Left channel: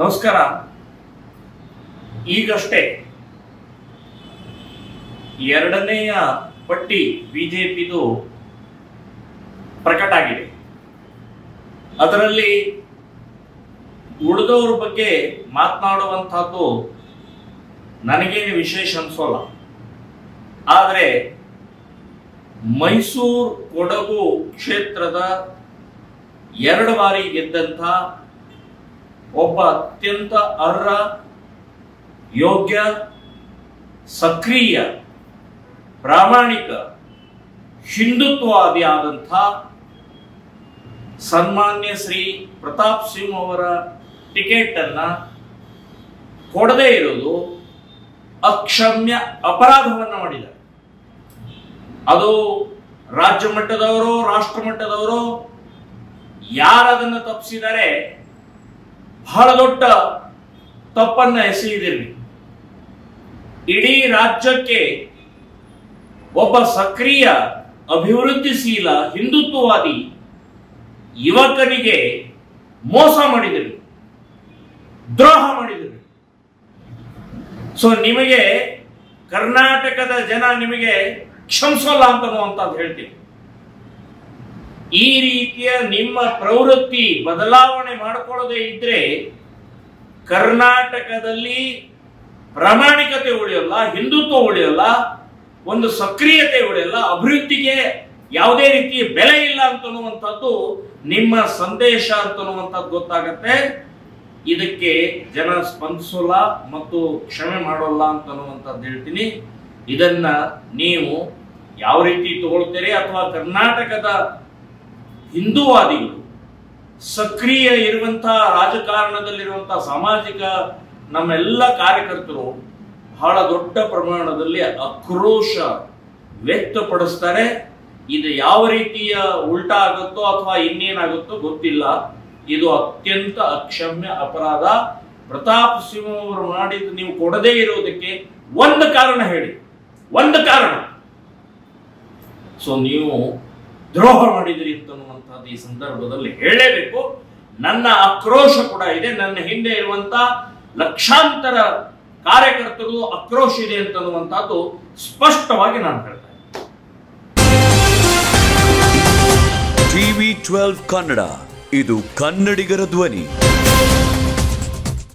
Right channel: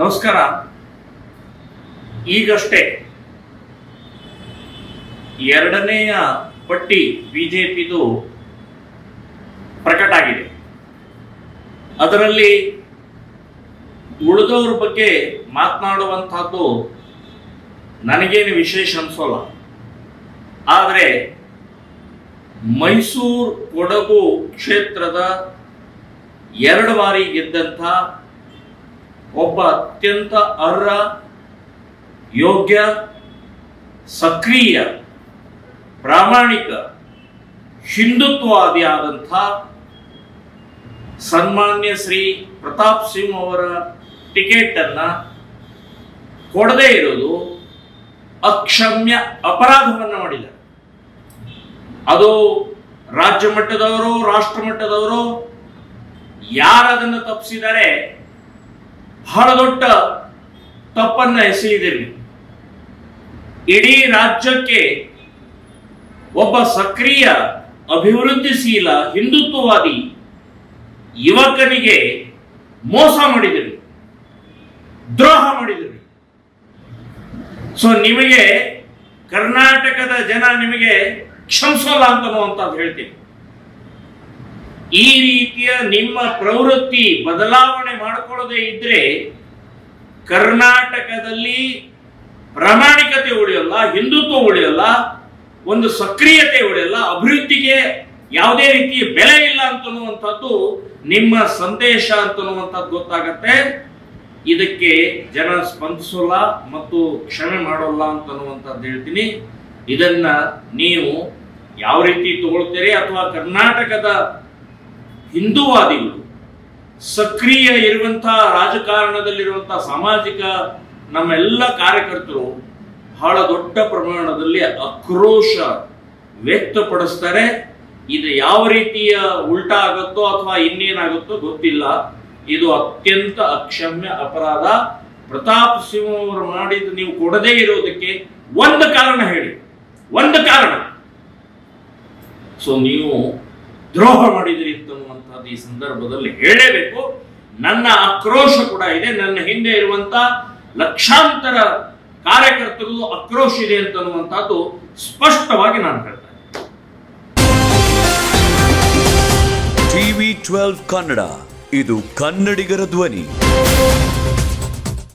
ನಮಸ್ಕಾರ. ಈಗಷ್ಟೇ ಎರಡನೆಯ ಪಟ್ಟಿ ಬಿಜೆಪಿದು ಪ್ರಕಟ ಆಗಿದೆ. ಅದರಲ್ಲಿ ಉಳಿದವರ ಬಗ್ಗೆ ಮಾತನಾಡುವಂತಹದ್ದು ನನಗೇನು ವಿಶೇಷ ಅನ್ಸೋಲ್ಲ. ಆದರೆ ಮೈಸೂರು ಕೊಡಗು ಕ್ಷೇತ್ರದ 2 ಬಾರಿ ಗೆದ್ದಂಥ ಒಬ್ಬ ಅತ್ಯಂತ ಅರ್ಹ, ಯೋಗ್ಯ, ಸಕ್ರಿಯ, ಪ್ರಾಮಾಣಿಕ, ಹಿಂದುತ್ವವಾದಿ ಆದಂಥ ಸನ್ಮಾನ್ಯ ಶ್ರೀ ಪ್ರತಾಪ್ ಸಿಂಹ ಅವರ ಟಿಕೆಟ್ ಅನ್ನ ಕೊಡದೇ ಇರೋದು ಅಕ್ಷಮ್ಯ ಅಪರಾಧವನ್ನು ಮಾಡಿದ್ದಾರೆ. ಅದು ರಾಜ್ಯ ಮಟ್ಟದವರು, ರಾಷ್ಟ್ರ ಮಟ್ಟದವರು ಯಾರದನ್ನು ತಪ್ಪಿಸಿದರೆ ಬಹಳ ದೊಡ್ಡ ತಪ್ಪನ್ನ ಎಸಗಿದಿರಿ. ಇಡೀ ರಾಜ್ಯಕ್ಕೆ ಒಬ್ಬ ಸಕ್ರಿಯ, ಅಭಿವೃದ್ಧಿಶೀಲ, ಹಿಂದುತ್ವವಾದಿ ಯುವಕನಿಗೆ ಮೋಸ ಮಾಡಿದಿರಿ, ದ್ರೋಹ ಮಾಡಿದಿರಿ. ಸೊ ನಿಮಗೆ ಕರ್ನಾಟಕದ ಜನ ನಿಮಗೆ ಕ್ಷಮಿಸಲ್ಲ ಅಂತನ್ನುವಂಥದ್ದು ಹೇಳ್ತೀನಿ. ಈ ರೀತಿಯ ನಿಮ್ಮ ಪ್ರವೃತ್ತಿ ಬದಲಾವಣೆ ಮಾಡಿಕೊಳ್ಳದೆ ಇದ್ರೆ ಕರ್ನಾಟಕದಲ್ಲಿ ಪ್ರಾಮಾಣಿಕತೆ ಉಳಿಯಲ್ಲ, ಹಿಂದುತ್ವ ಉಳಿಯಲ್ಲ, ಒಂದು ಸಕ್ರಿಯತೆ ಉಳಿಯಲ್ಲ, ಅಭಿವೃದ್ಧಿಗೆ ಯಾವುದೇ ರೀತಿಯ ಬೆಲೆ ಇಲ್ಲ ಅಂತನ್ನುವಂಥದ್ದು ನಿಮ್ಮ ಸಂದೇಶ ಅಂತನ್ನುವಂಥದ್ದು ಗೊತ್ತಾಗತ್ತೆ. ಇದಕ್ಕೆ ಜನ ಸ್ಪಂದಿಸೋಲ್ಲ ಮತ್ತು ಕ್ಷಮೆ ಮಾಡೋಲ್ಲ ಅಂತನ್ನುವಂಥದ್ದು ಹೇಳ್ತೀನಿ. ಇದನ್ನ ನೀವು ಯಾವ ರೀತಿ ತಗೊಳ್ತೀರಿ, ಅಥವಾ ಕರ್ನಾಟಕದ ಹಿಂದೂವಾದಿಗಳು, ಸಕ್ರಿಯ ಇರುವಂತಹ ರಾಜಕಾರಣದಲ್ಲಿರುವಂತಹ ಸಾಮಾಜಿಕ ನಮ್ಮೆಲ್ಲ ಕಾರ್ಯಕರ್ತರು ಬಹಳ ದೊಡ್ಡ ಪ್ರಮಾಣದಲ್ಲಿ ಆಕ್ರೋಶ ವ್ಯಕ್ತಪಡಿಸ್ತಾರೆ. ಇದು ಯಾವ ರೀತಿಯ ಉಲ್ಟಾ ಆಗುತ್ತೋ ಅಥವಾ ಇನ್ನೇನಾಗುತ್ತೋ ಗೊತ್ತಿಲ್ಲ. ಇದು ಅತ್ಯಂತ ಅಕ್ಷಮ್ಯ ಅಪರಾಧ. ಪ್ರತಾಪ್ ಸಿಂಹ ಅವರು ಮಾಡಿದ್ದು ನೀವು ಕೊಡದೇ ಇರೋದಕ್ಕೆ ಒಂದು ಕಾರಣ ಹೇಳಿ, ಒಂದು ಕಾರಣ. ಸೊ ನೀವು ದ್ರೋಹ ಮಾಡಿದಿರಿ ಅಂತನ್ನುವಂಥದ್ದು ಈ ಸಂದರ್ಭದಲ್ಲಿ ಹೇಳಲೇಬೇಕು. ನನ್ನ ಆಕ್ರೋಶ ಕೂಡ ಇದೆ. ನನ್ನ ಹಿಂದೆ ಇರುವಂತ ಲಕ್ಷಾಂತರ ಕಾರ್ಯಕರ್ತರು ಆಕ್ರೋಶ ಇದೆ ಅಂತನ್ನುವಂಥದ್ದು ಸ್ಪಷ್ಟವಾಗಿ ನಾನು ಹೇಳ್ತೇನೆ. TV12 ಕನ್ನಡ, ಇದು ಕನ್ನಡಿಗರ ಧ್ವನಿ.